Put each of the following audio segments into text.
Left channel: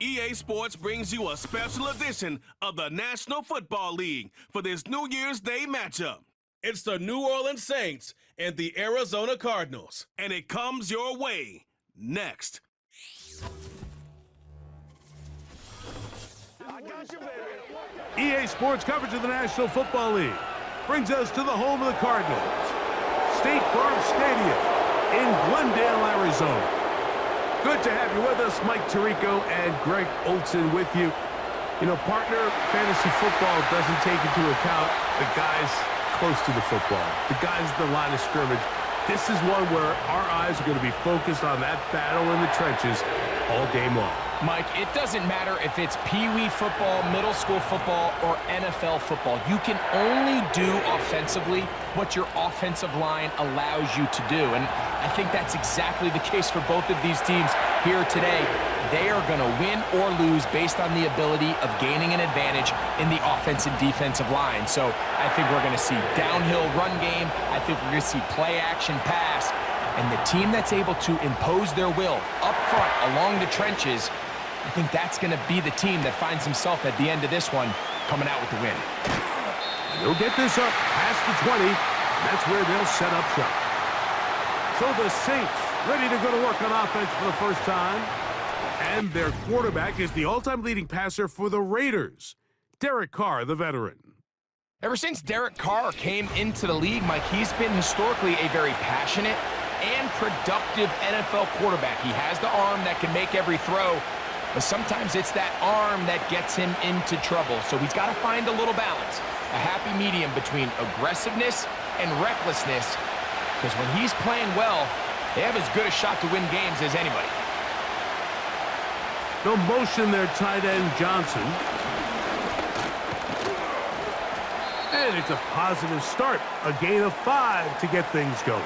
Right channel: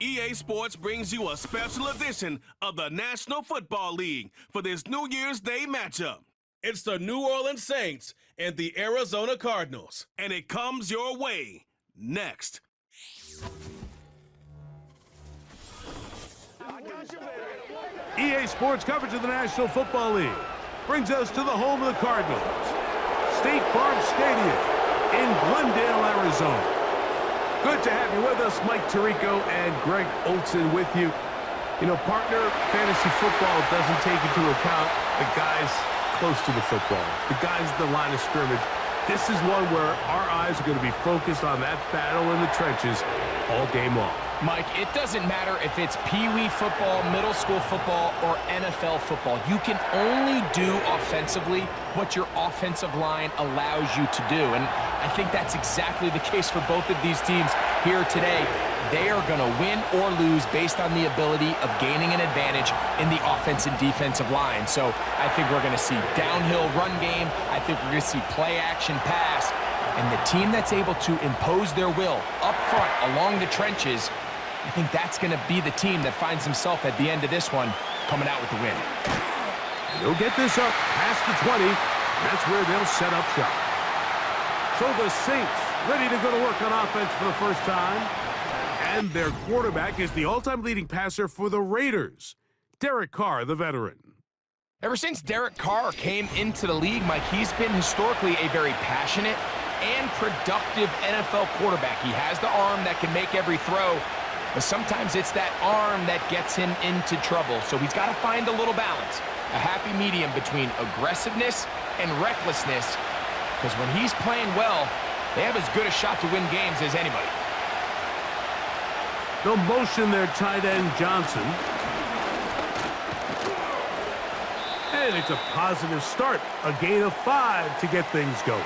EA Sports brings you a special edition of the National Football League for this New Year's Day matchup. It's the New Orleans Saints and the Arizona Cardinals, and it comes your way next. EA Sports coverage of the National Football League brings us to the home of the Cardinals, State Farm Stadium in Glendale, Arizona. Good to have you with us, Mike Tirico and Greg Olson with you. You know, partner, fantasy football doesn't take into account the guys close to the football, the guys at the line of scrimmage. This is one where our eyes are going to be focused on that battle in the trenches all game long. Mike, it doesn't matter if it's Pee-wee football, middle school football, or NFL football. You can only do offensively what your offensive line allows you to do. And I think that's exactly the case for both of these teams here today. They are going to win or lose based on the ability of gaining an advantage in the offense and defensive line. So I think we're going to see downhill run game. I think we're going to see play action pass. And the team that's able to impose their will up front along the trenches, I think that's going to be the team that finds himself at the end of this one coming out with the win. And they'll get this up past the 20, and that's where they'll set up shop. So the Saints ready to go to work on offense for the first time. And their quarterback is the all-time leading passer for the Raiders, Derek Carr, the veteran. Ever since Derek Carr came into the league, Mike, he's been historically a very passionate and productive NFL quarterback. He has the arm that can make every throw, but sometimes it's that arm that gets him into trouble. So he's got to find a little balance, a happy medium between aggressiveness and recklessness, because when he's playing well, they have as good a shot to win games as anybody. They'll motion their tight end, Johnson. And it's a positive start, a gain of 5 to get things going.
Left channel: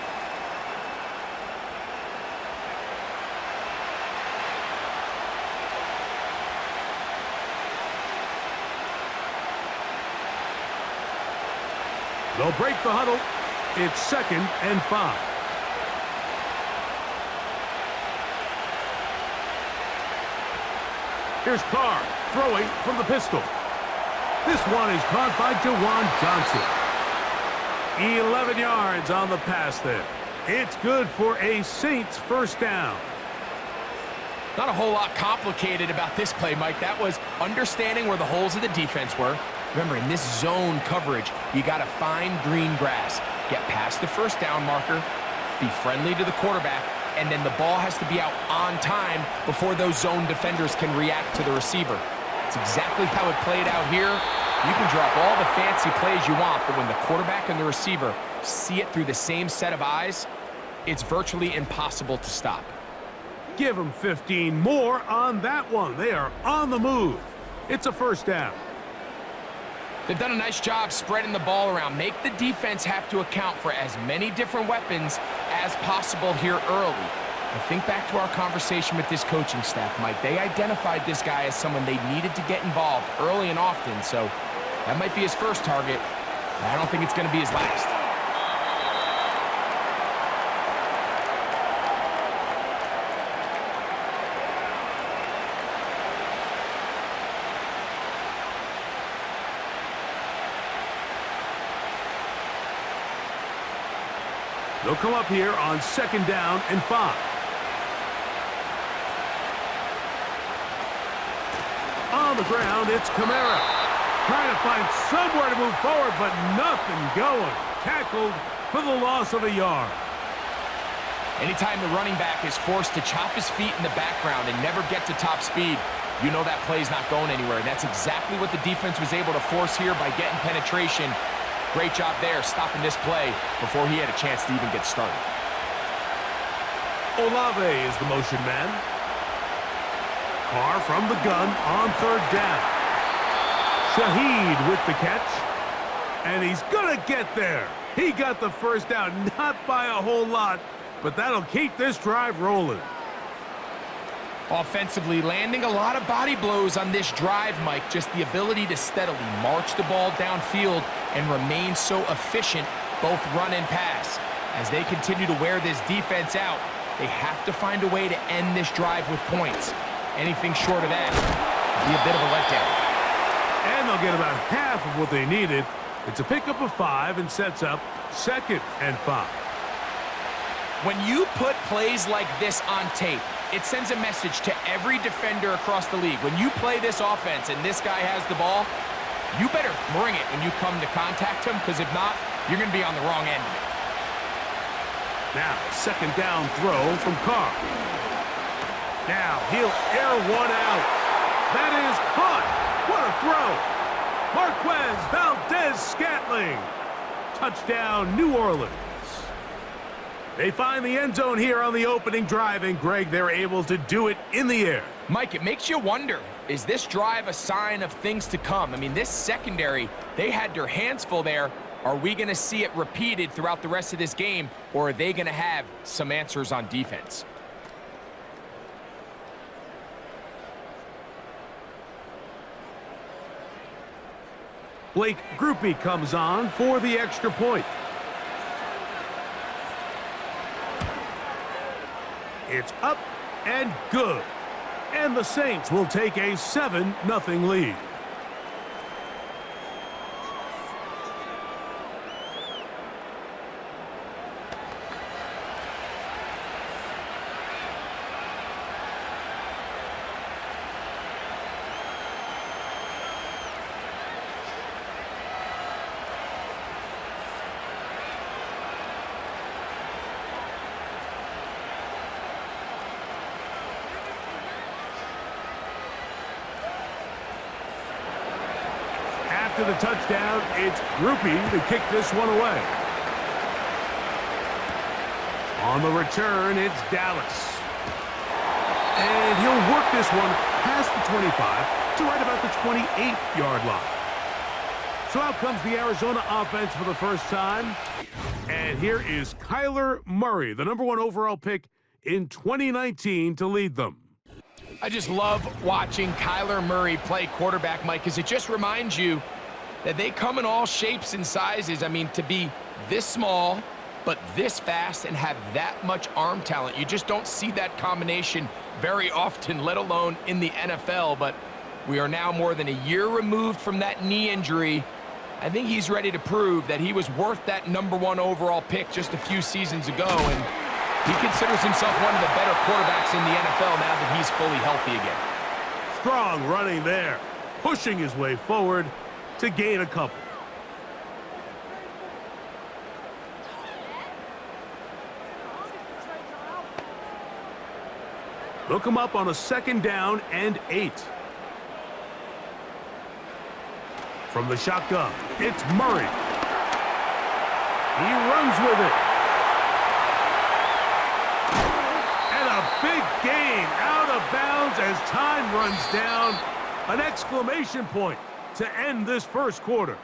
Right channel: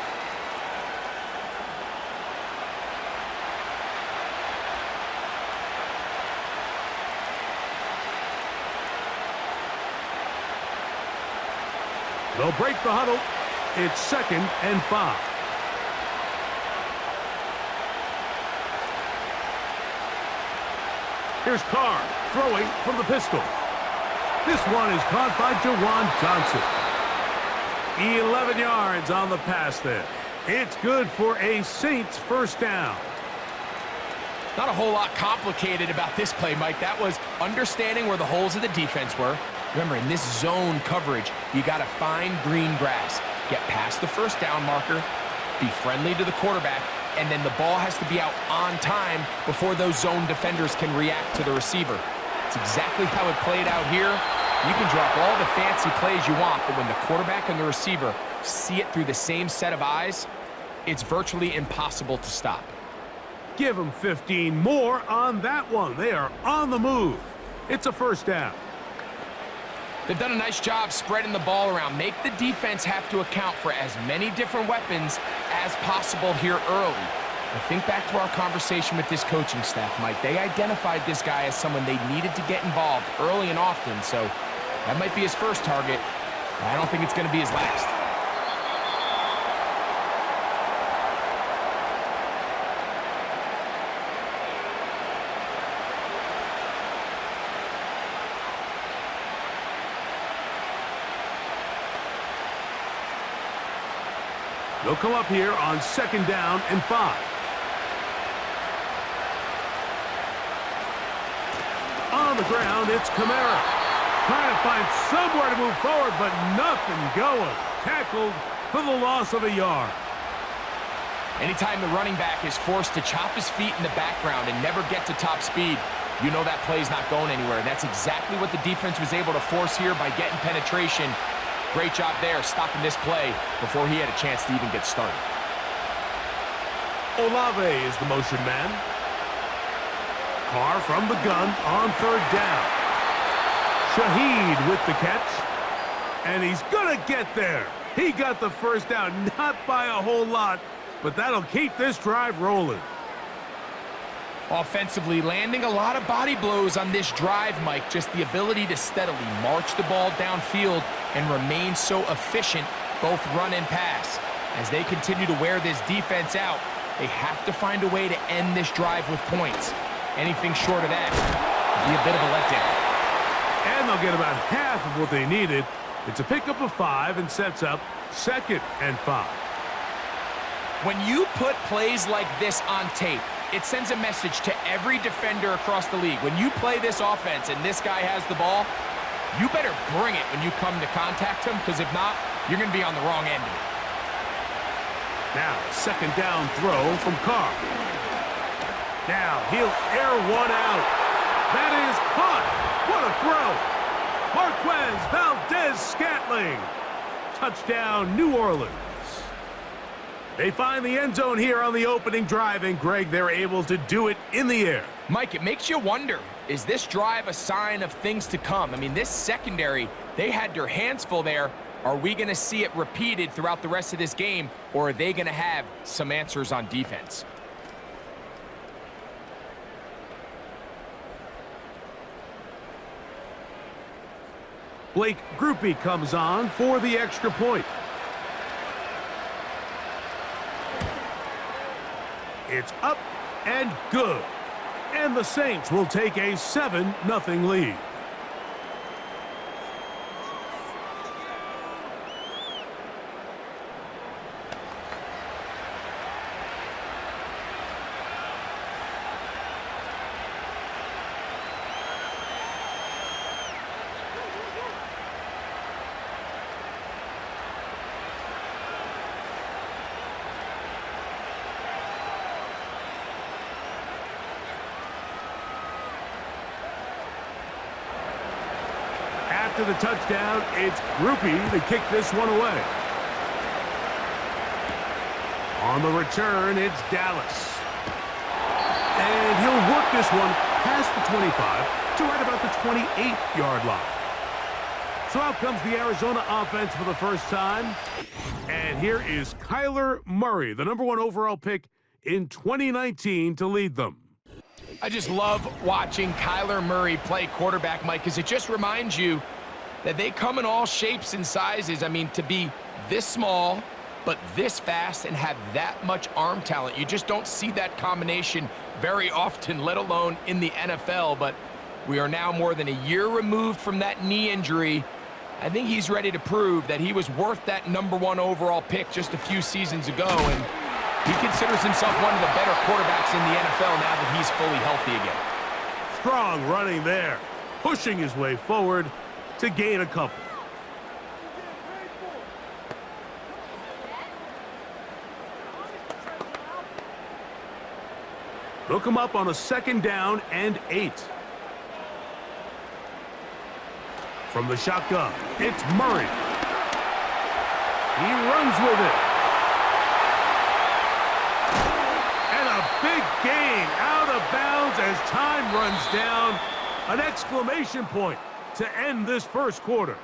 They'll break the huddle. It's 2nd and 5. Here's Carr throwing from the pistol. This one is caught by Jawan Johnson. 11 yards on the pass there. It's good for a Saints first down. Not a whole lot complicated about this play, Mike. That was understanding where the holes of the defense were. Remember, in this zone coverage, you got to find green grass. Get past the first down marker, be friendly to the quarterback, and then the ball has to be out on time before those zone defenders can react to the receiver. It's exactly how it played out here. You can drop all the fancy plays you want, but when the quarterback and the receiver see it through the same set of eyes, it's virtually impossible to stop. Give them 15 more on that one. They are on the move. It's a first down. They've done a nice job spreading the ball around. Make the defense have to account for as many different weapons as possible here early. But think back to our conversation with this coaching staff, Mike. They identified this guy as someone they needed to get involved early and often, so that might be his first target. I don't think it's going to be his last. They'll come up here on 2nd down and 5. On the ground, it's Kamara. Trying to find somewhere to move forward, but nothing going. Tackled for the loss of a yard. Anytime the running back is forced to chop his feet in the background and never get to top speed, you know that play's not going anywhere. And that's exactly what the defense was able to force here by getting penetration. Great job there, stopping this play before he had a chance to even get started. Olave is the motion man. Carr from the gun on 3rd down. Shaheed with the catch. And he's going to get there. He got the first down, not by a whole lot, but that'll keep this drive rolling. Offensively, landing a lot of body blows on this drive, Mike. Just the ability to steadily march the ball downfield and remain so efficient, both run and pass. As they continue to wear this defense out, they have to find a way to end this drive with points. Anything short of that would be a bit of a letdown. And they'll get about half of what they needed. It's a pickup of 5 and sets up 2nd and 5. When you put plays like this on tape, it sends a message to every defender across the league. When you play this offense and this guy has the ball, you better bring it when you come to contact him, because if not, you're going to be on the wrong end of it. Now, a 2nd down throw from Carr. Now, he'll air one out. That is caught. What a throw. Marquez Valdez-Scantling. Touchdown, New Orleans. They find the end zone here on the opening drive, and Greg, they're able to do it in the air. Mike, it makes you wonder, is this drive a sign of things to come? I mean, this secondary, they had their hands full there. Are we going to see it repeated throughout the rest of this game, or are they going to have some answers on defense? Blake Grupe comes on for the extra point. It's up and good. And the Saints will take a 7-0 lead. After the touchdown, it's Grupe to kick this one away. On the return, it's Dallas. And he'll work this one past the 25 to right about the 28-yard line. So out comes the Arizona offense for the first time. And here is Kyler Murray, the #1 overall pick in 2019, to lead them. I just love watching Kyler Murray play quarterback, Mike, because it just reminds you that they come in all shapes and sizes. I mean, to be this small, but this fast and have that much arm talent, you just don't see that combination very often, let alone in the NFL. But we are now more than a year removed from that knee injury. I think he's ready to prove that he was worth that #1 overall pick just a few seasons ago, and he considers himself one of the better quarterbacks in the NFL now that he's fully healthy again. Strong running there, pushing his way forward to gain a couple. Hook him up on a 2nd down and 8. From the shotgun, it's Murray. He runs with it. And a big gain out of bounds as time runs down. An exclamation point to end this first quarter.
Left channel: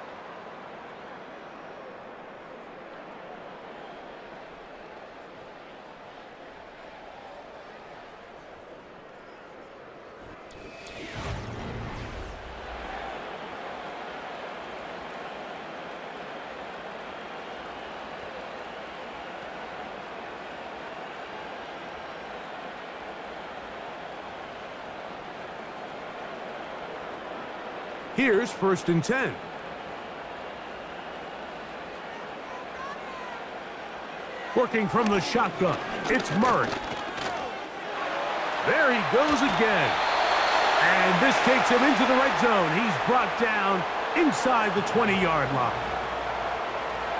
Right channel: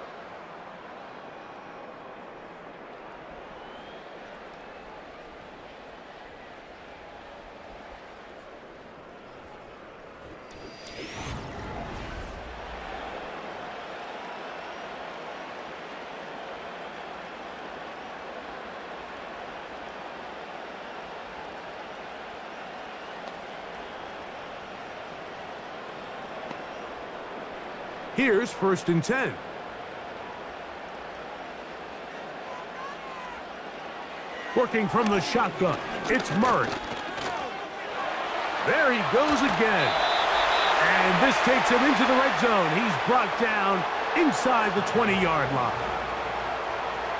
Here's 1st and 10. Working from the shotgun, it's Murray. There he goes again. And this takes him into the red zone. He's brought down inside the 20-yard line.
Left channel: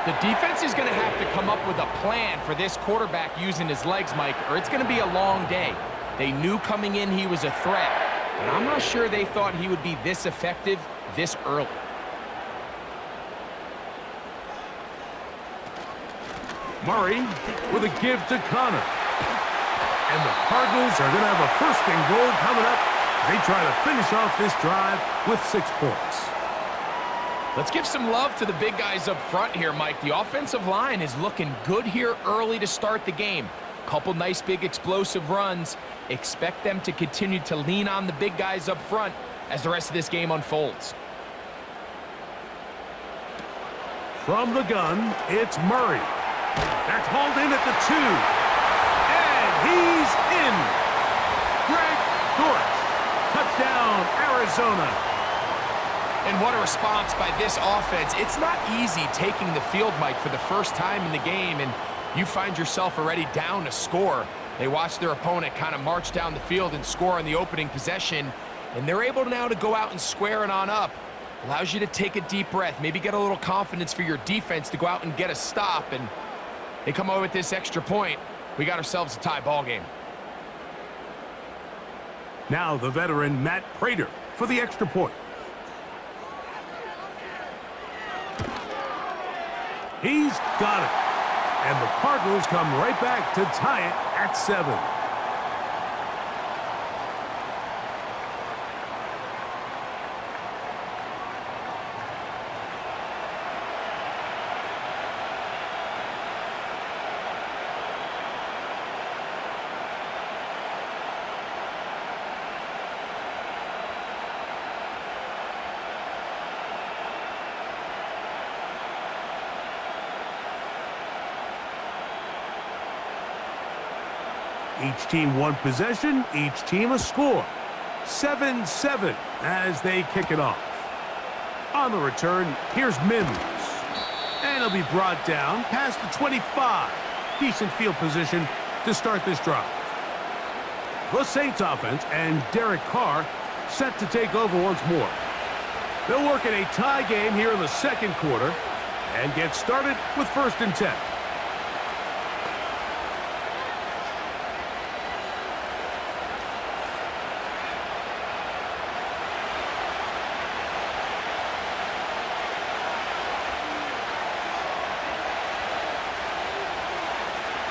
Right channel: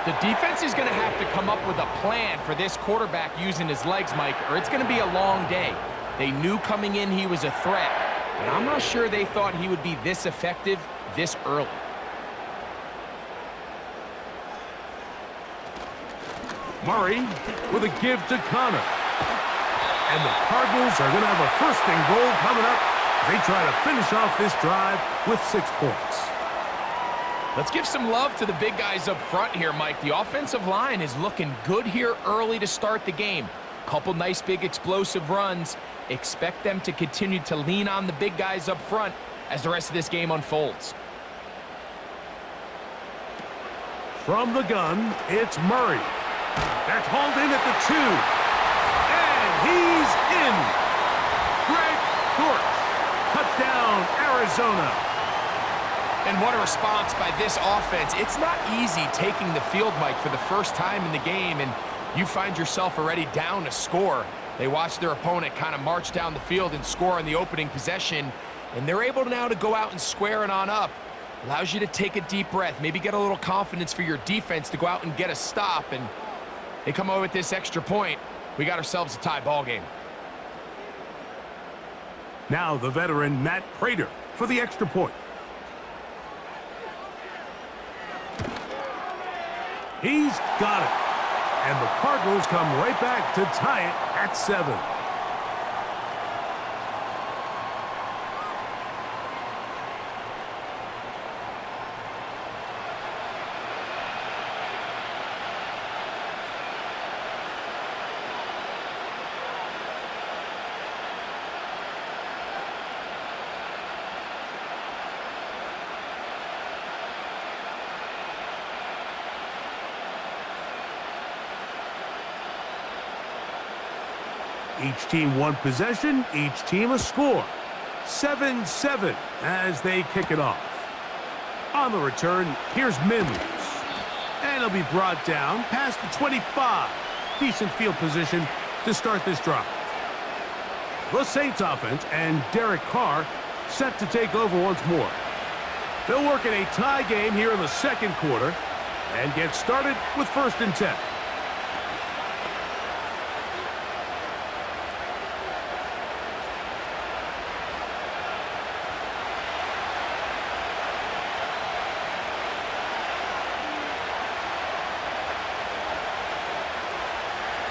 The defense is going to have to come up with a plan for this quarterback using his legs, Mike, or it's going to be a long day. They knew coming in he was a threat, but I'm not sure they thought he would be this effective this early. Murray with a give to Connor. And the Cardinals are going to have a 1st and goal coming up. They try to finish off this drive with 6 points. Let's give some love to the big guys up front here, Mike. The offensive line is looking good here early to start the game. Couple nice big explosive runs. Expect them to continue to lean on the big guys up front as the rest of this game unfolds. From the gun, it's Murray. That's hauled in at the 2. And he's in. Greg Dortch Arizona. And what a response by this offense. It's not easy taking the field, Mike, for the first time in the game, and you find yourself already down a score. They watch their opponent kind of march down the field and score on the opening possession, and they're able now to go out and square it on up. Allows you to take a deep breath, maybe get a little confidence for your defense to go out and get a stop, and they come away with this extra point. We got ourselves a tie ball game. Now the veteran Matt Prater for the extra point. He's got it. And the Cardinals come right back to tie it at 7. Each team one possession, each team a score. 7-7 as they kick it off. On the return, here's Mims. And he'll be brought down past the 25. Decent field position to start this drive. The Saints offense and Derek Carr set to take over once more. They'll work in a tie game here in the second quarter and get started with 1st and 10.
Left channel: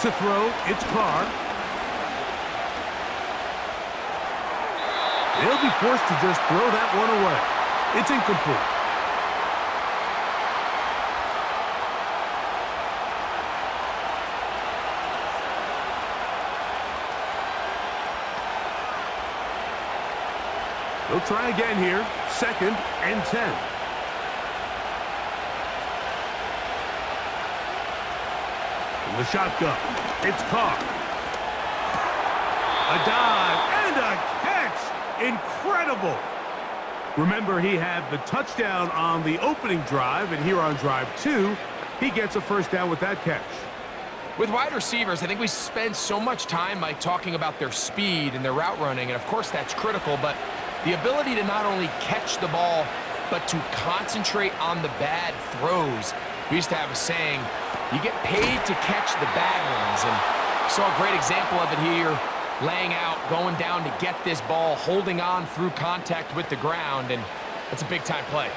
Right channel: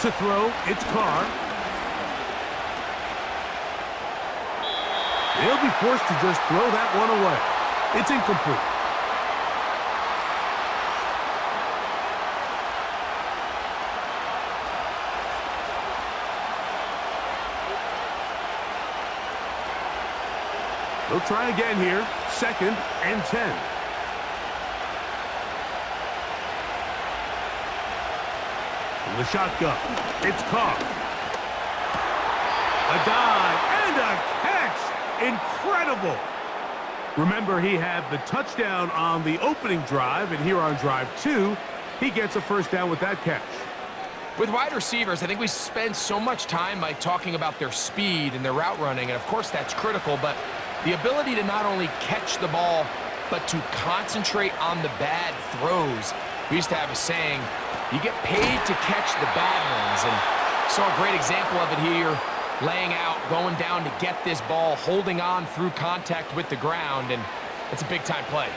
To throw, it's Carr. They'll be forced to just throw that one away. It's incomplete. They'll try again here. 2nd and 10. From the shotgun, it's Carr. A dive and a catch. Incredible. Remember, he had the touchdown on the opening drive, and here on drive 2, he gets a 1st down with that catch. With wide receivers, I think we spend so much time, Mike, talking about their speed and their route running, and of course that's critical, but the ability to not only catch the ball, but to concentrate on the bad throws. We used to have a saying, you get paid to catch the bad ones, and saw a great example of it here, laying out, going down to get this ball, holding on through contact with the ground, and that's a big-time play.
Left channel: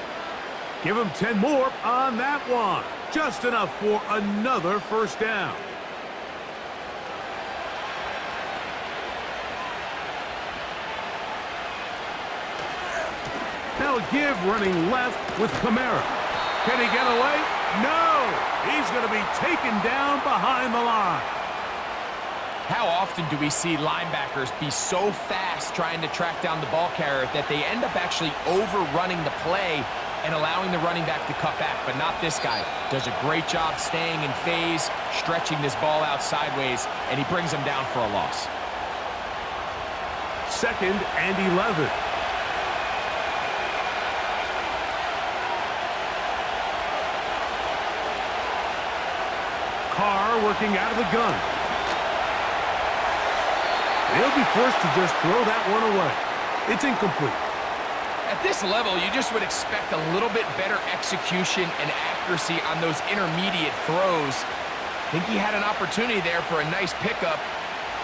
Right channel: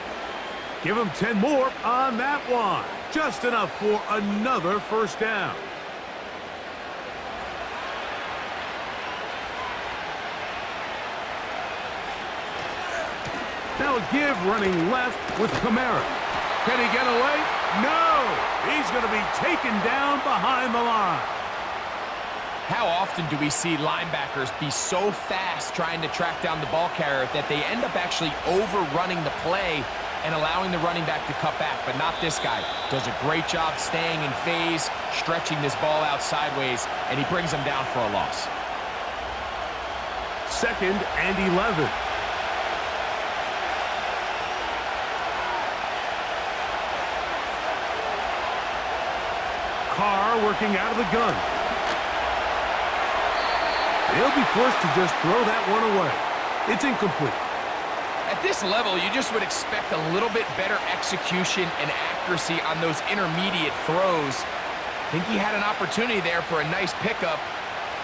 Give him 10 more on that one. Just enough for another 1st down. Now a give running left with Kamara. Can he get away? No! He's going to be taken down behind the line. How often do we see linebackers be so fast trying to track down the ball carrier that they end up actually overrunning the play and allowing the running back to cut back? But not this guy. Does a great job staying in phase, stretching this ball out sideways, and he brings him down for a loss. 2nd and 11. Carr working out of the gun. They'll be forced to just throw that one away. It's incomplete. At this level, you just would expect a little bit better execution and accuracy on those intermediate throws. I think he had an opportunity there for a nice pickup.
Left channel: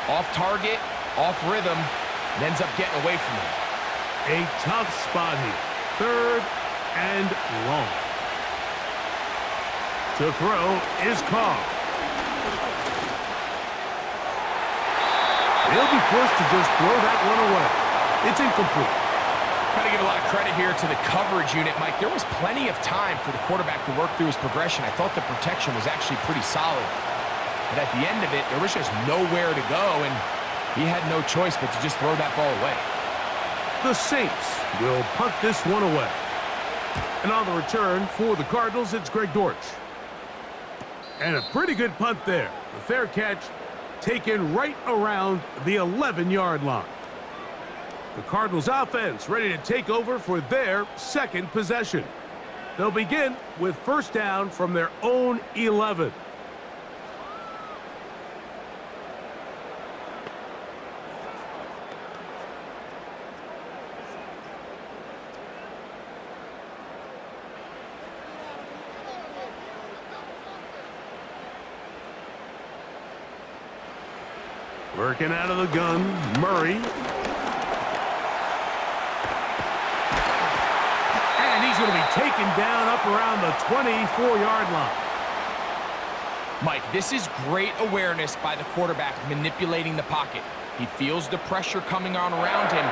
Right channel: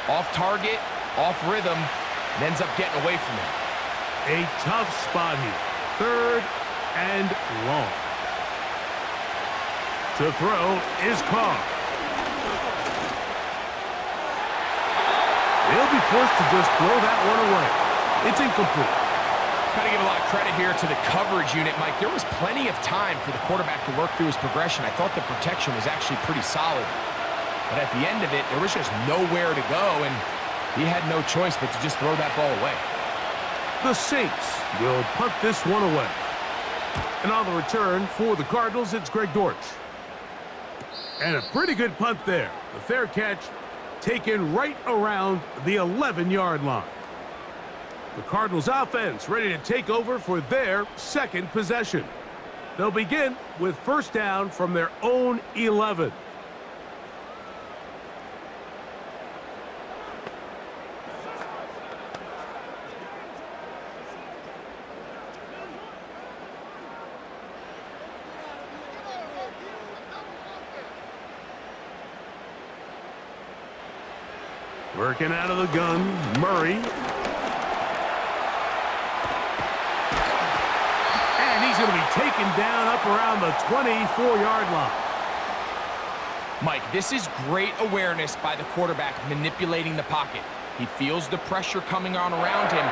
Off target, off rhythm, and ends up getting away from him. A tough spot here. 3rd and long. To throw is Carr. They'll be forced to just throw that one away. It's incomplete. Got to give a lot of credit here to the coverage unit, Mike. There was plenty of time for the quarterback to work through his progression. I thought the protection was actually pretty solid. But at the end of it, there was just nowhere to go, and he had no choice but to just throw that ball away. The Saints will punt this one away. And on the return for the Cardinals, it's Greg Dortch. And a pretty good punt there. The fair catch taken right around the 11-yard line. The Cardinals offense ready to take over for their second possession. They'll begin with first down from their own 11. Working out of the gun, Murray. And he's going to be taken down up around the 24-yard line. Mike, this is great awareness by the quarterback manipulating the pocket. He feels the pressure coming on around him,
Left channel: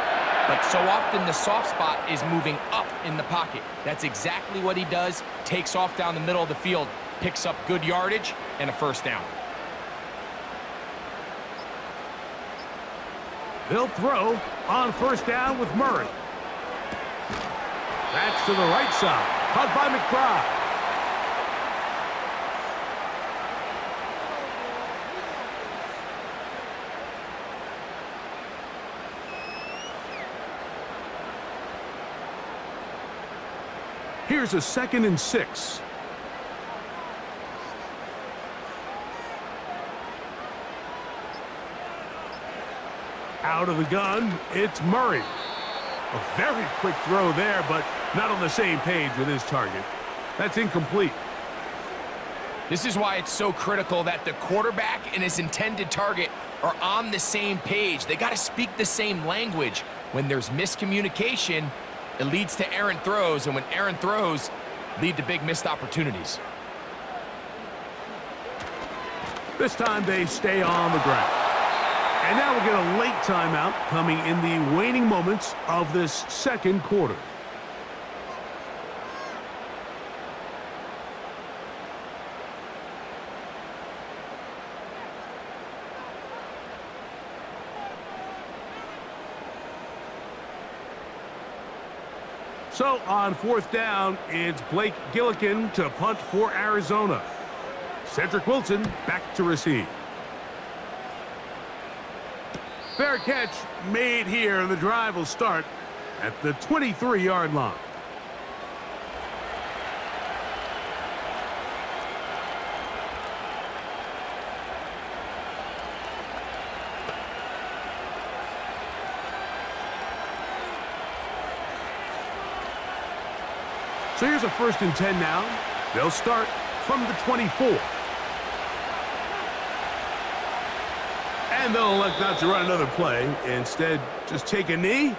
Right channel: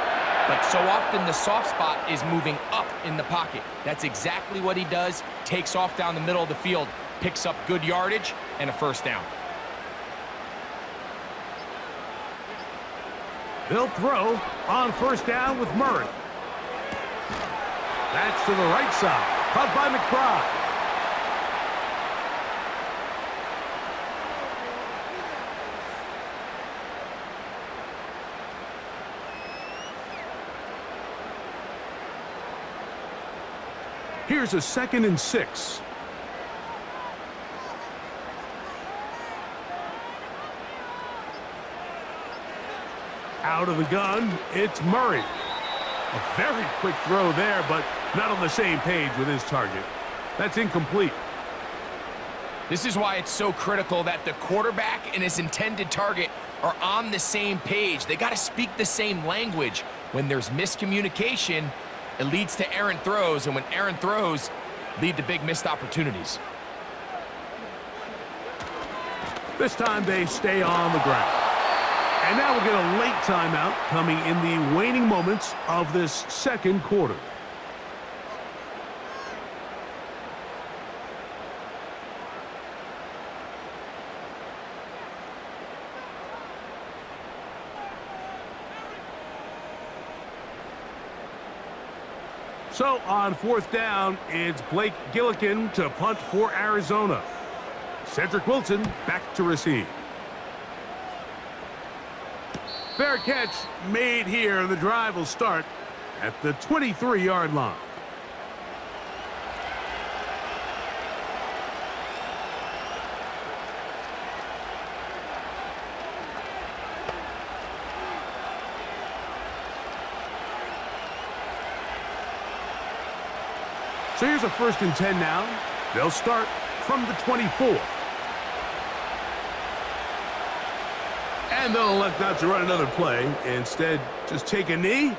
but so often the soft spot is moving up in the pocket. That's exactly what he does. Takes off down the middle of the field, picks up good yardage, and a first down. They'll throw on first down with Murray. That's to the right side. Caught by McBride. Here's a 2nd and 6. Out of the gun, it's Murray. A very quick throw there, but not on the same page with his target. That's incomplete. This is why it's so critical that the quarterback and his intended target are on the same page. They got to speak the same language. When there's miscommunication, it leads to errant throws, and when errant throws lead to big missed opportunities. This time they stay on the ground. And now we'll get a late timeout coming in the waning moments of this second quarter. So on fourth down, it's Blake Gillikin to punt for Arizona. Cedric Wilson back to receive. Fair catch made here. The drive will start at the 23-yard line. So here's a 1st and 10 now. They'll start from the 24. And they'll elect not to run another play. Instead, just take a knee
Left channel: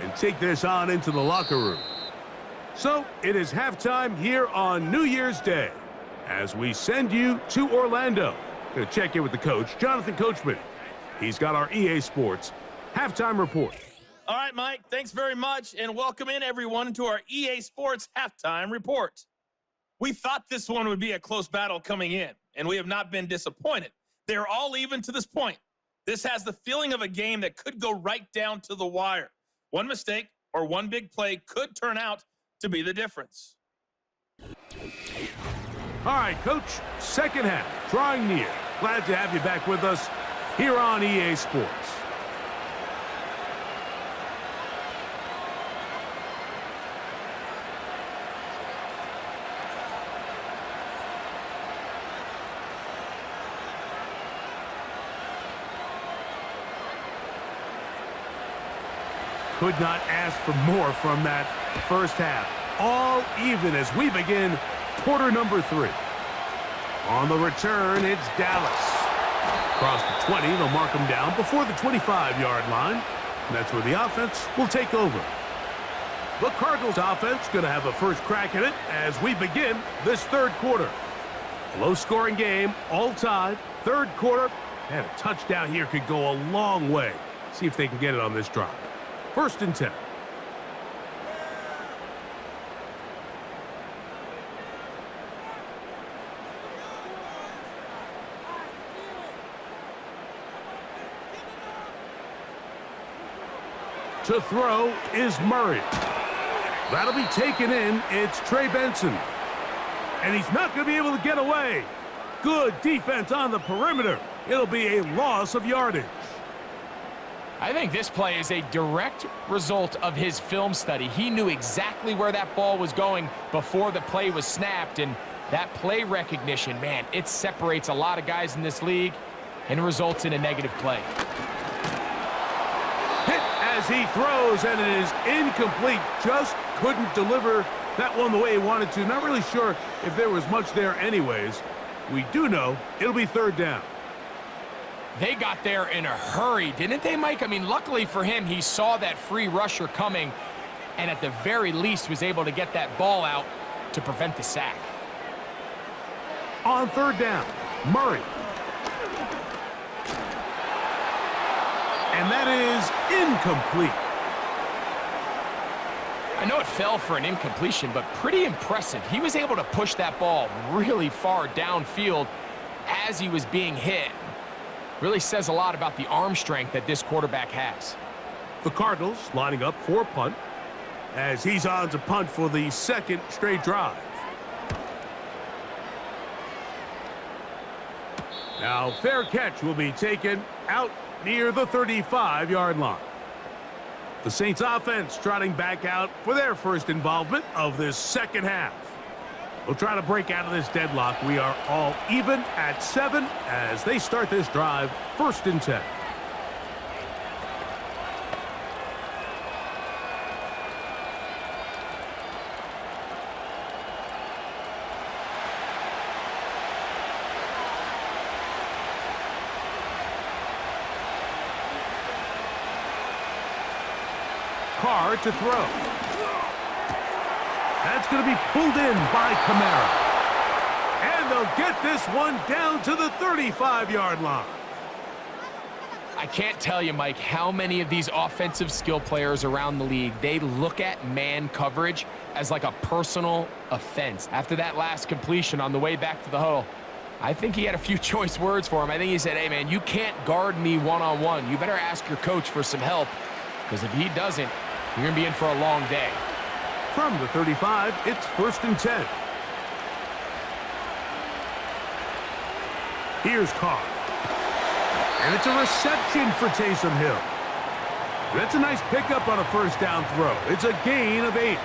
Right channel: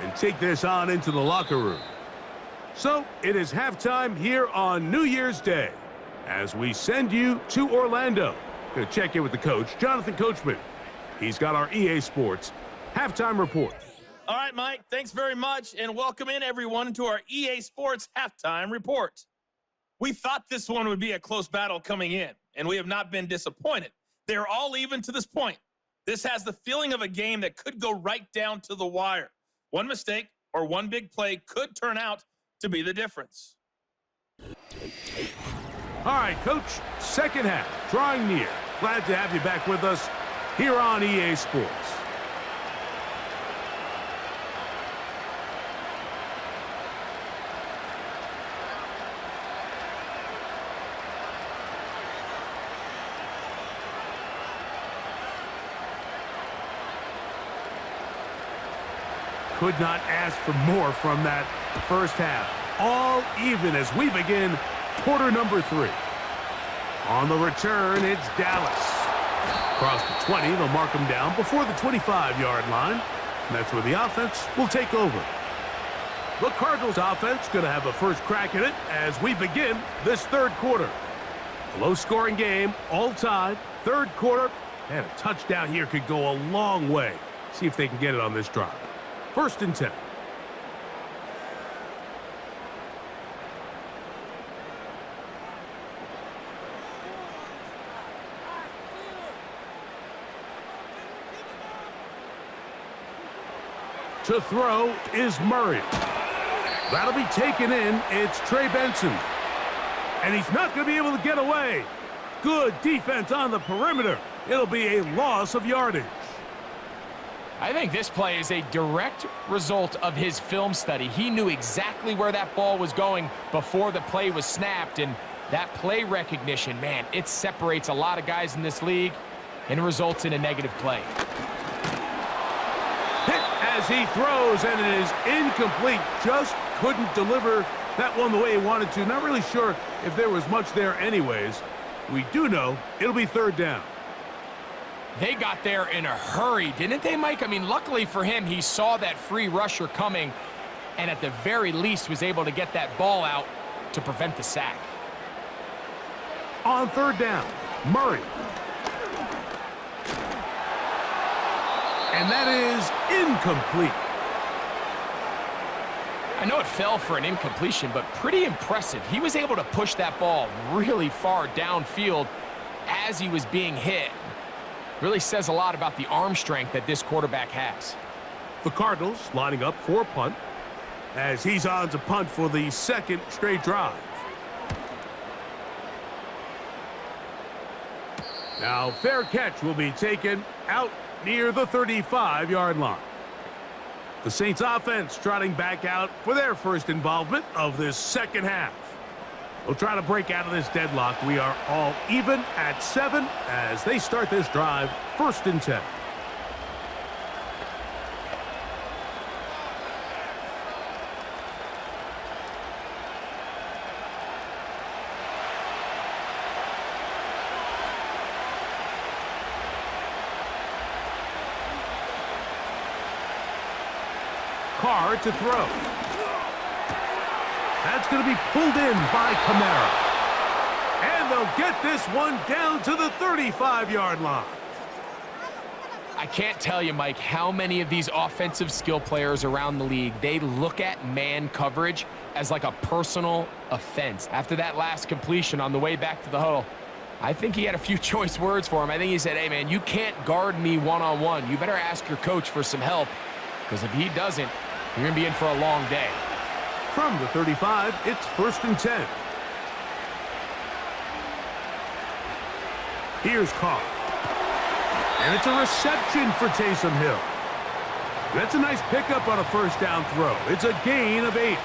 and take this on into the locker room. So it is halftime here on New Year's Day as we send you to Orlando. Going to check in with the coach, Jonathan Coachman. He's got our EA Sports halftime report. All right, Mike, thanks very much, and welcome in, everyone, to our EA Sports halftime report. We thought this one would be a close battle coming in, and we have not been disappointed. They're all even to this point. This has the feeling of a game that could go right down to the wire. One mistake or one big play could turn out to be the difference. All right, Coach, second half, drawing near. Glad to have you back with us here on EA Sports. Could not ask for more from that first half. All even as we begin quarter number 3. On the return, it's Dallas. Across the 20, they'll mark them down before the 25-yard line. And that's where the offense will take over. The Cardinals offense going to have a first crack at it as we begin this third quarter. A low-scoring game, all tied. Third quarter, and a touchdown here could go a long way. See if they can get it on this drive. 1st and 10. To throw is Murray. That'll be taken in. It's Trey Benson. And he's not going to be able to get away. Good defense on the perimeter. It'll be a loss of yardage. I think this play is a direct result of his film study. He knew exactly where that ball was going before the play was snapped, and that play recognition, man, it separates a lot of guys in this league and results in a negative play. Hit as he throws, and it is incomplete. Just couldn't deliver that one the way he wanted to. Not really sure if there was much there anyways. We do know it'll be third down. They got there in a hurry, didn't they, Mike? I mean, luckily for him, he saw that free rusher coming and at the very least was able to get that ball out to prevent the sack. On third down, Murray. And that is incomplete. I know it fell for an incompletion, but pretty impressive. He was able to push that ball really far downfield as he was being hit. Really says a lot about the arm strength that this quarterback has. The Cardinals lining up for a punt as he's on to punt for the second straight drive. Now, fair catch will be taken out near the 35-yard line. The Saints offense trotting back out for their first involvement of this second half. They'll try to break out of this deadlock. We are all even at 7 as they start this drive, 1st and 10. Carr to throw. That's going to be pulled in by Kamara. And they'll get this one down to the 35-yard line. I can't tell you, Mike, how many of these offensive skill players around the league, they look at man coverage as like a personal offense. After that last completion on the way back to the huddle, I think he had a few choice words for him. I think he said, hey, man, you can't guard me one-on-one. You better ask your coach for some help, because if he doesn't, you're going to be in for a long day. From the 35, it's 1st and 10. Here's Carr. And it's a reception for Taysom Hill. That's a nice pickup on a first down throw. It's a gain of 8.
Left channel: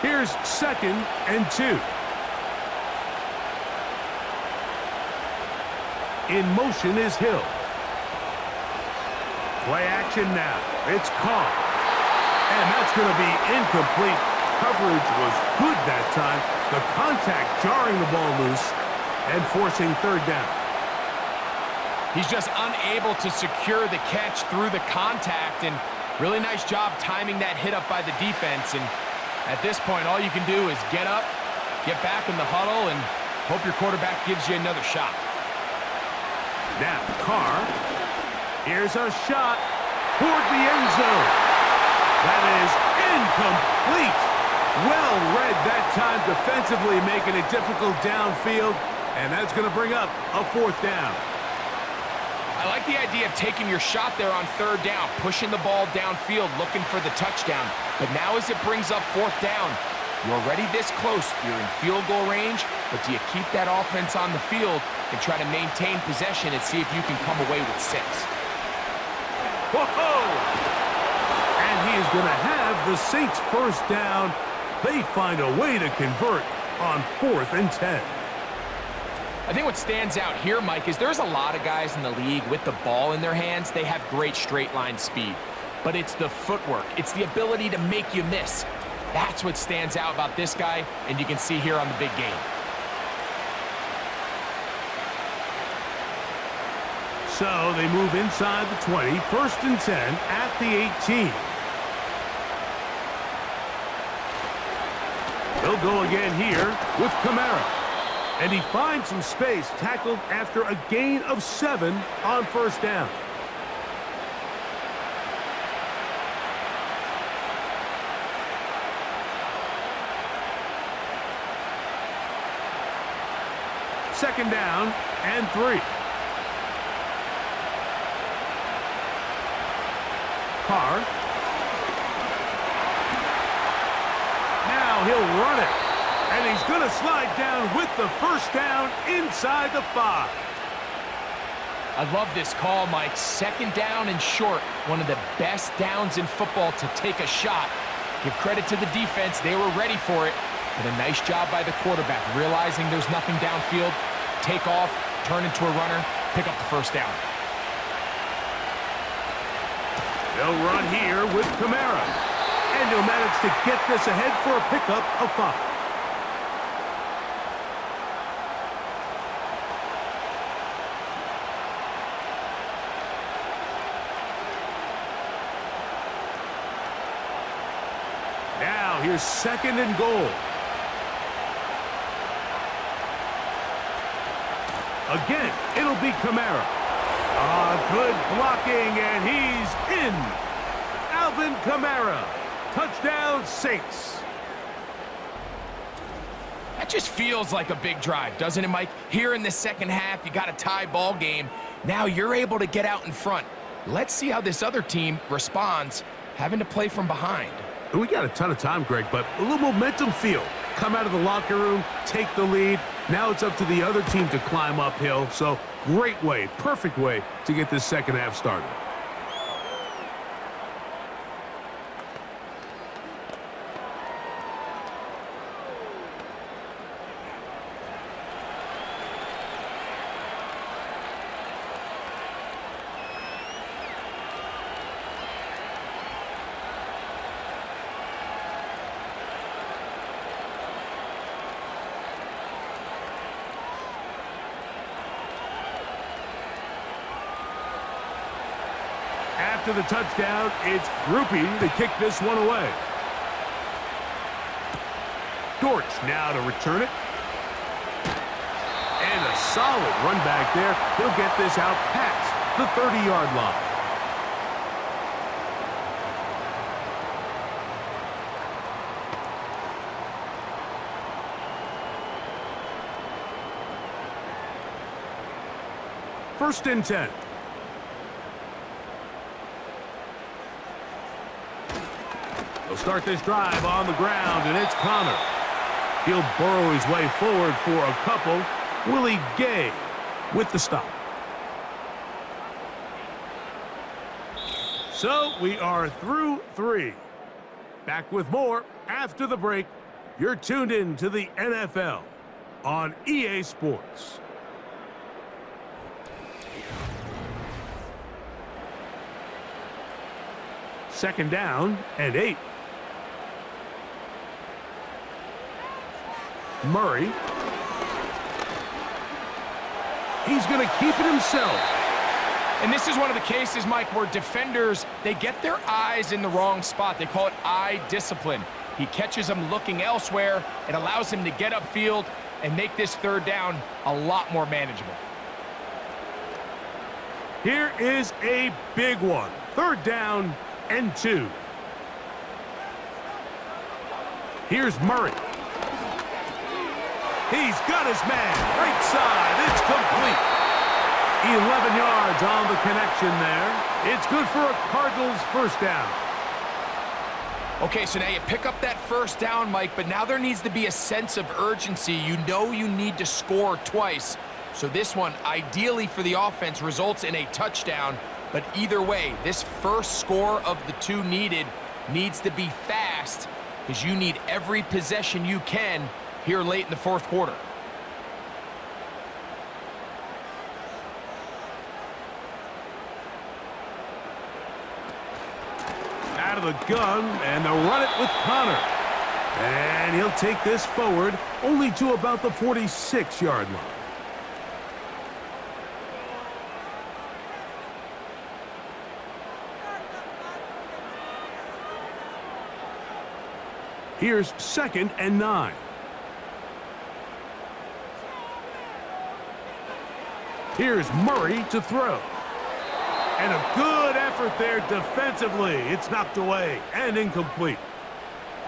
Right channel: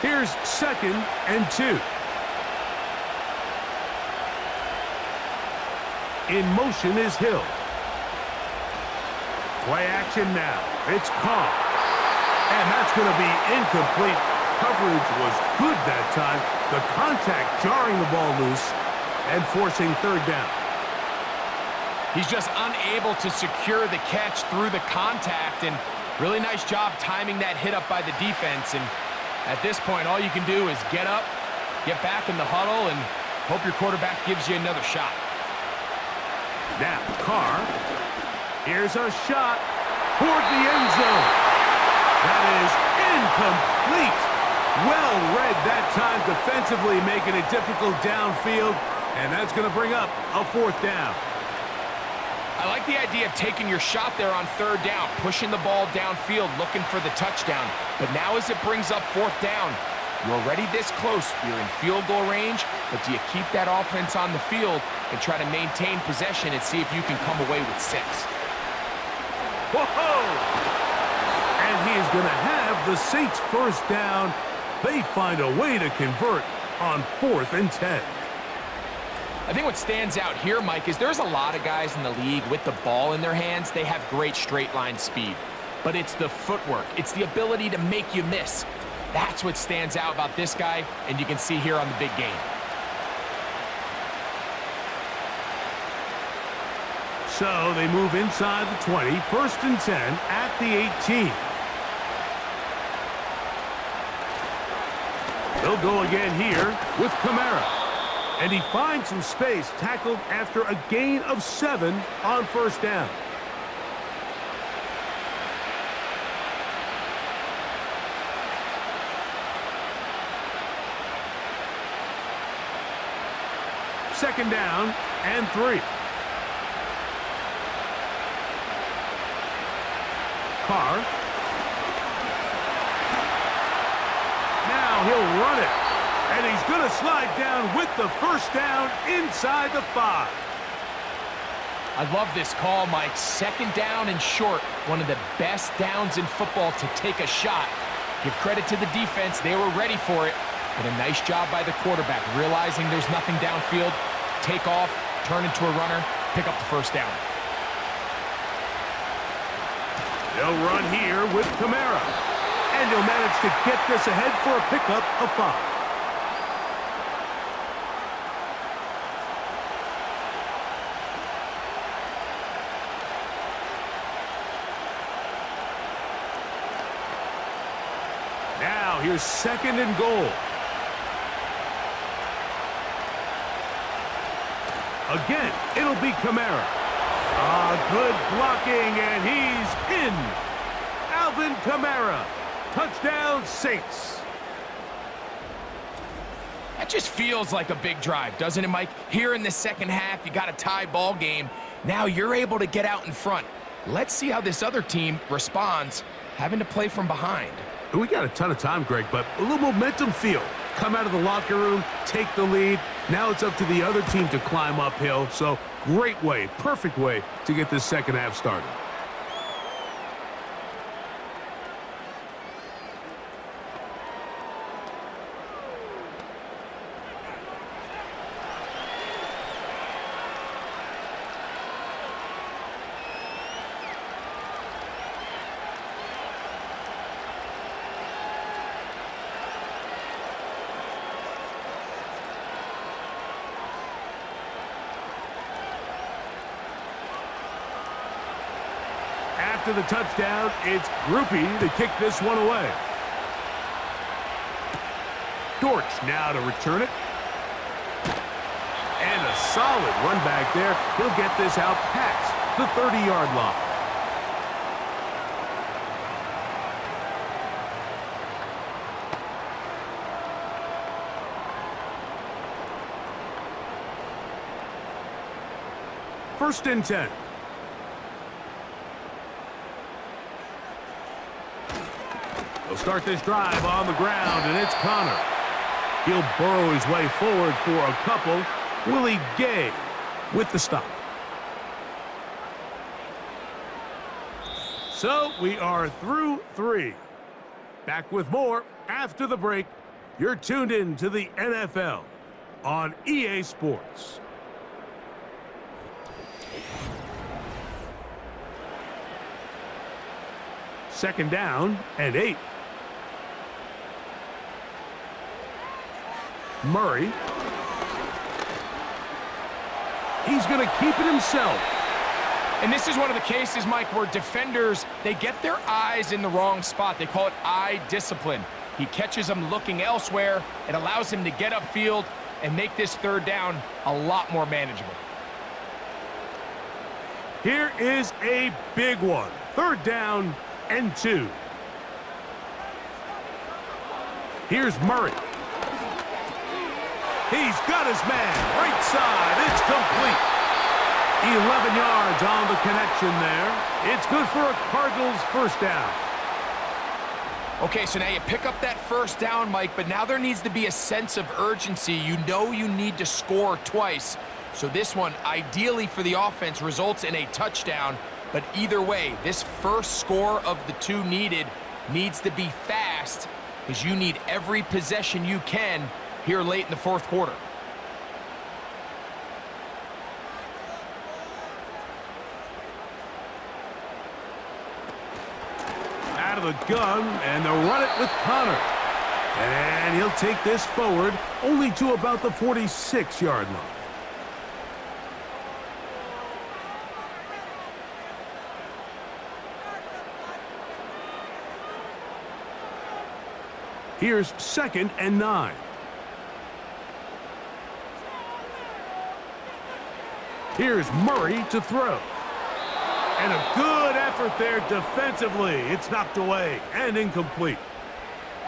Here's 2nd and 2. In motion is Hill. Play action now. It's Carr. And that's going to be incomplete. Coverage was good that time. The contact jarring the ball loose and forcing 3rd down. He's just unable to secure the catch through the contact, and really nice job timing that hit up by the defense. And at this point, all you can do is get up, get back in the huddle, and hope your quarterback gives you another shot. Now, Carr, here's a shot toward the end zone. That is incomplete. Well read that time defensively, making it difficult downfield, and that's going to bring up a 4th down. I like the idea of taking your shot there on 3rd down, pushing the ball downfield, looking for the touchdown. But now as it brings up 4th down, you're already this close. You're in field goal range, but do you keep that offense on the field and try to maintain possession and see if you can come away with 6? Whoa! And he is going to have the Saints' first down. They find a way to convert on 4th and 10. I think what stands out here, Mike, is there's a lot of guys in the league with the ball in their hands. They have great straight line speed, but it's the footwork. It's the ability to make you miss. That's what stands out about this guy, and you can see here on the big game. So they move inside the 20, 1st and 10 at the 18. They'll go again here with Kamara. And he finds some space, tackled after a gain of 7 on 1st down. Second down and 3. Carr. Now he'll run it. And he's going to slide down with the first down inside the 5. I love this call, Mike. Second down and short. One of the best downs in football to take a shot. Give credit to the defense. They were ready for it. But a nice job by the quarterback, realizing there's nothing downfield. Take off, turn into a runner, pick up the first down. They'll run here with Kamara. And he'll manage to get this ahead for a pickup of 5. Now here's 2nd and goal. Again, it'll be Kamara. Good blocking, and he's in. Alvin Kamara. Touchdown, Saints. That just feels like a big drive, doesn't it, Mike? Here in the second half, you got a tie ball game. Now you're able to get out in front. Let's see how this other team responds, having to play from behind. We got a ton of time, Greg, but a little momentum feel. Come out of the locker room, take the lead. Now it's up to the other team to climb uphill. So great way, perfect way to get this second half started. After the touchdown, it's Groupie to kick this one away. Dortch now to return it. And a solid run back there. He'll get this out past the 30-yard line. First and 10. They'll start this drive on the ground, and it's Connor. He'll burrow his way forward for a couple. Willie Gay with the stop. So we are through 3. Back with more after the break. You're tuned in to the NFL on EA Sports. Second down and 8. Murray. He's going to keep it himself. And this is one of the cases, Mike, where defenders, they get their eyes in the wrong spot. They call it eye discipline. He catches them looking elsewhere. It allows him to get upfield and make this third down a lot more manageable. Here is a big one. Third down and 2. Here's Murray. He's got his man. Right side. It's complete. 11 yards on the connection there. It's good for a Cardinals first down. Okay, so now you pick up that first down, Mike, but now there needs to be a sense of urgency. You know you need to score twice. So this one, ideally for the offense, results in a touchdown. But either way, this first score of the 2 needed needs to be fast, because you need every possession you can here late in the fourth quarter. Out of the gun, and they'll run it with Connor. And he'll take this forward only to about the 46-yard line. Here's 2nd and 9. Here's Murray to throw. And a good effort there defensively. It's knocked away and incomplete.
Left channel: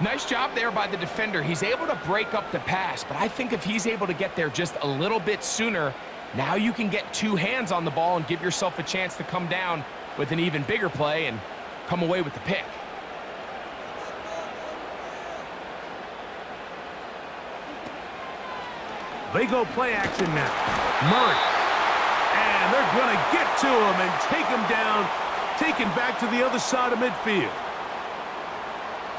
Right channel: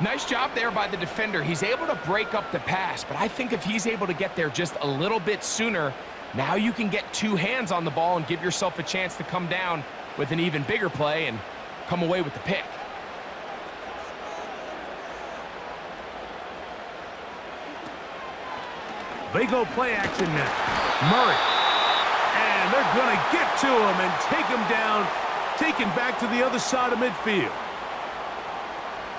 Nice job there by the defender. He's able to break up the pass, but I think if he's able to get there just a little bit sooner, now you can get 2 hands on the ball and give yourself a chance to come down with an even bigger play and come away with the pick. They go play action now. Murray. And they're going to get to him and take him down, taken back to the other side of midfield.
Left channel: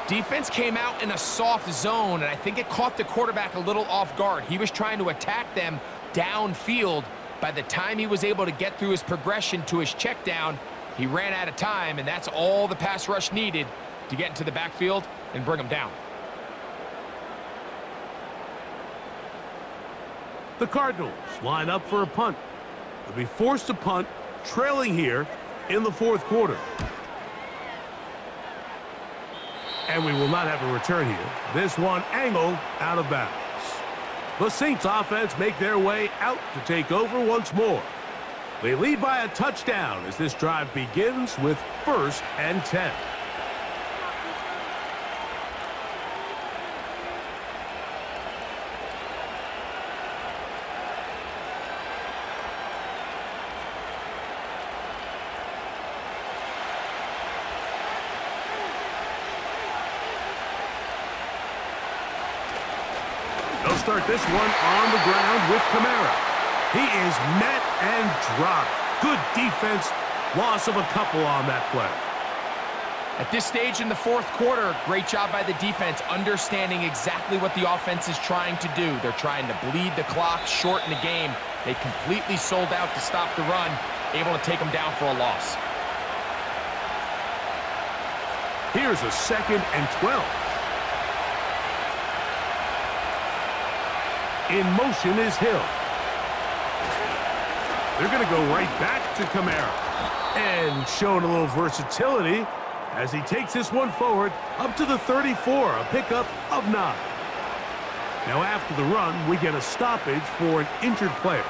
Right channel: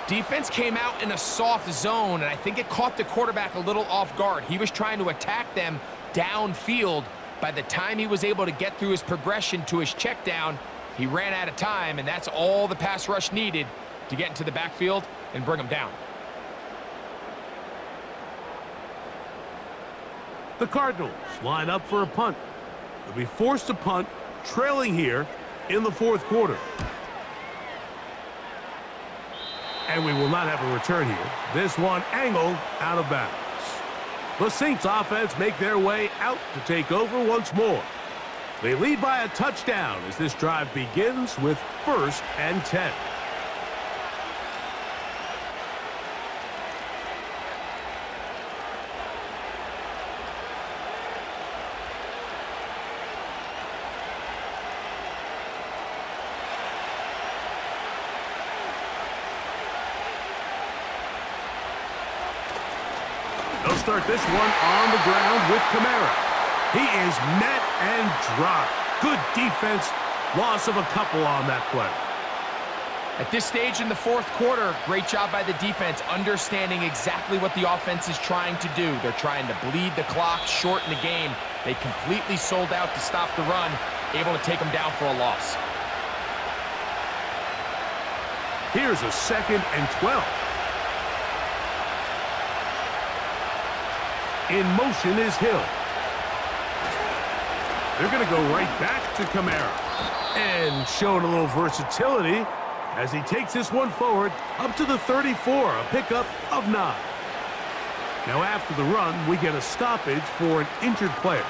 Defense came out in a soft zone, and I think it caught the quarterback a little off guard. He was trying to attack them downfield. By the time he was able to get through his progression to his check down, he ran out of time, and that's all the pass rush needed to get into the backfield and bring him down. The Cardinals line up for a punt. They'll be forced to punt, trailing here in the fourth quarter. And we will not have a return here. This one angled out of bounds. The Saints offense make their way out to take over once more. They lead by a touchdown as this drive begins with 1st and 10. They'll start this one on the ground with Kamara. He is met and dropped. Good defense. Loss of a couple on that play. At this stage in the fourth quarter, great job by the defense, understanding exactly what the offense is trying to do. They're trying to bleed the clock, shorten the game. They completely sold out to stop the run, able to take them down for a loss. Here's a 2nd and 12. In motion is Hill. They're going to go right back to Kamara. And showing a little versatility as he takes this one forward up to the 34, a pickup of 9. Now after the run, we get a stoppage for an injured player.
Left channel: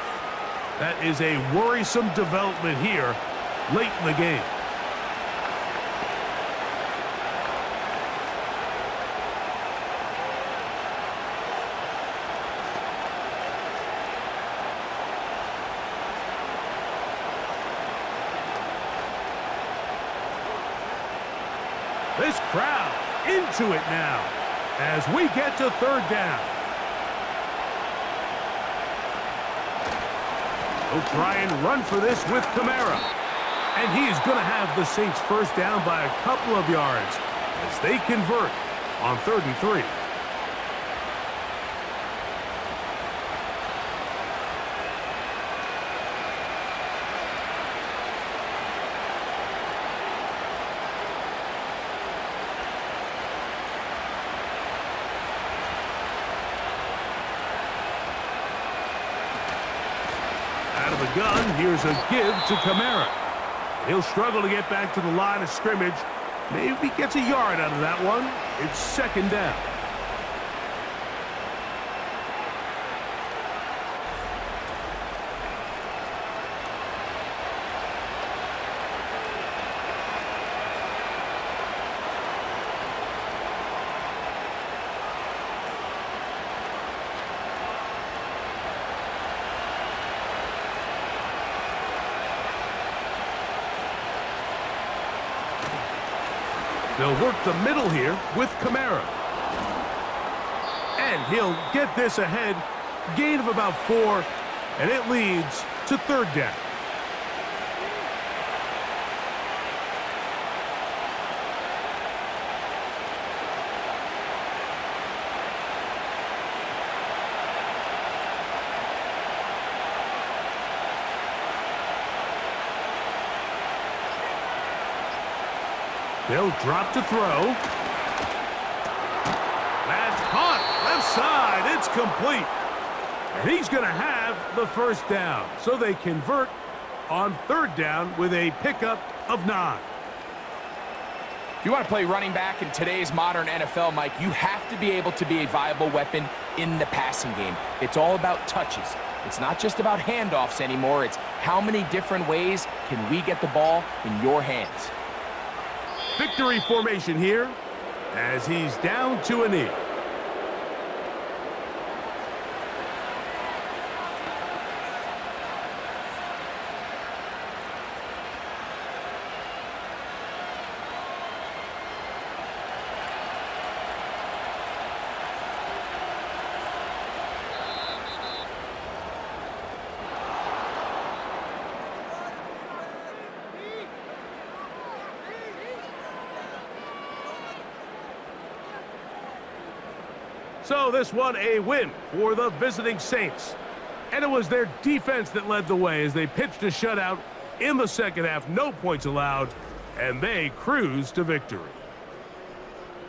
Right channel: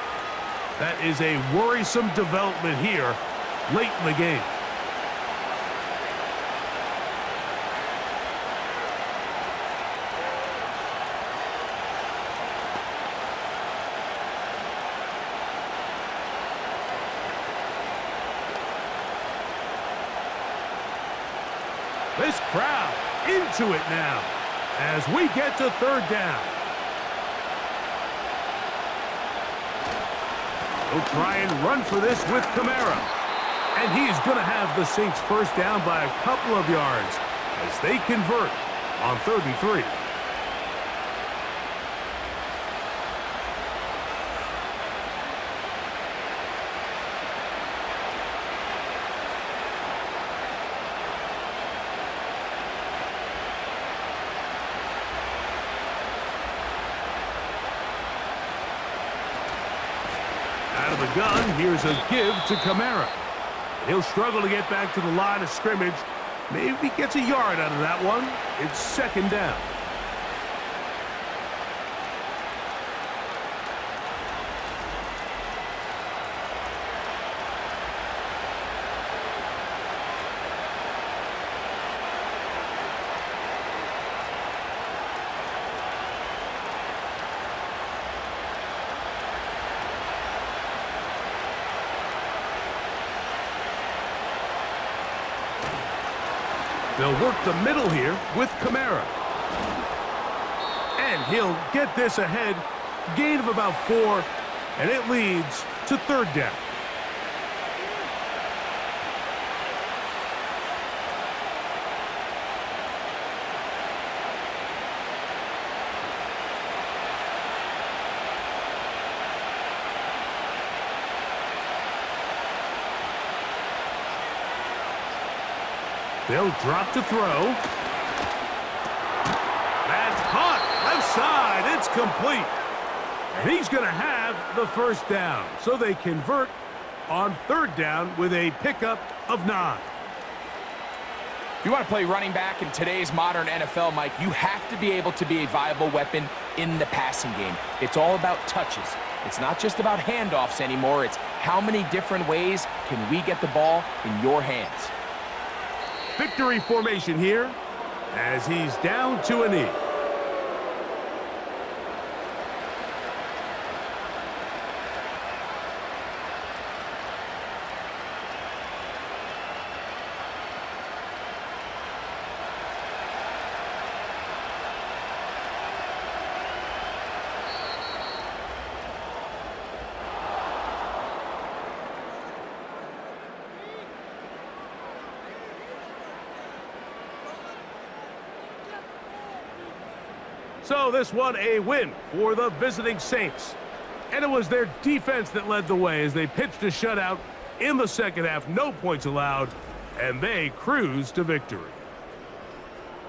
That is a worrisome development here late in the game. This crowd into it now as we get to 3rd down. They'll try and run for this with Kamara. And he's going to have the Saints 1st down by a couple of yards as they convert on 3rd and 3. Out of the gun, here's a give to Kamara. He'll struggle to get back to the line of scrimmage. Maybe gets a yard out of that one. It's 2nd down. They'll work the middle here with Kamara. And he'll get this ahead. Gain of about 4, and it leads to 3rd down. They'll drop to throw. That's caught. Left side. It's complete. And he's going to have the 1st down. So they convert on 3rd down with a pickup of 9. If you want to play running back in today's modern NFL, Mike, you have to be able to be a viable weapon in the passing game. It's all about touches. It's not just about handoffs anymore. It's how many different ways can we get the ball in your hands. Victory formation here as he's down to a knee. So this one a win for the visiting Saints. And it was their defense that led the way as they pitched a shutout in the second half. No points allowed, and they cruised to victory.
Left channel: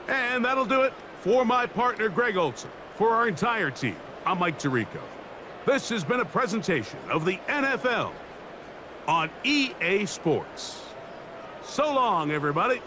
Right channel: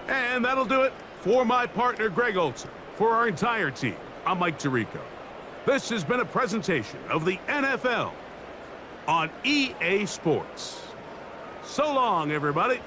And that'll do it for my partner, Greg Olson. For our entire team, I'm Mike Tirico. This has been a presentation of the NFL on EA Sports. So long, everybody.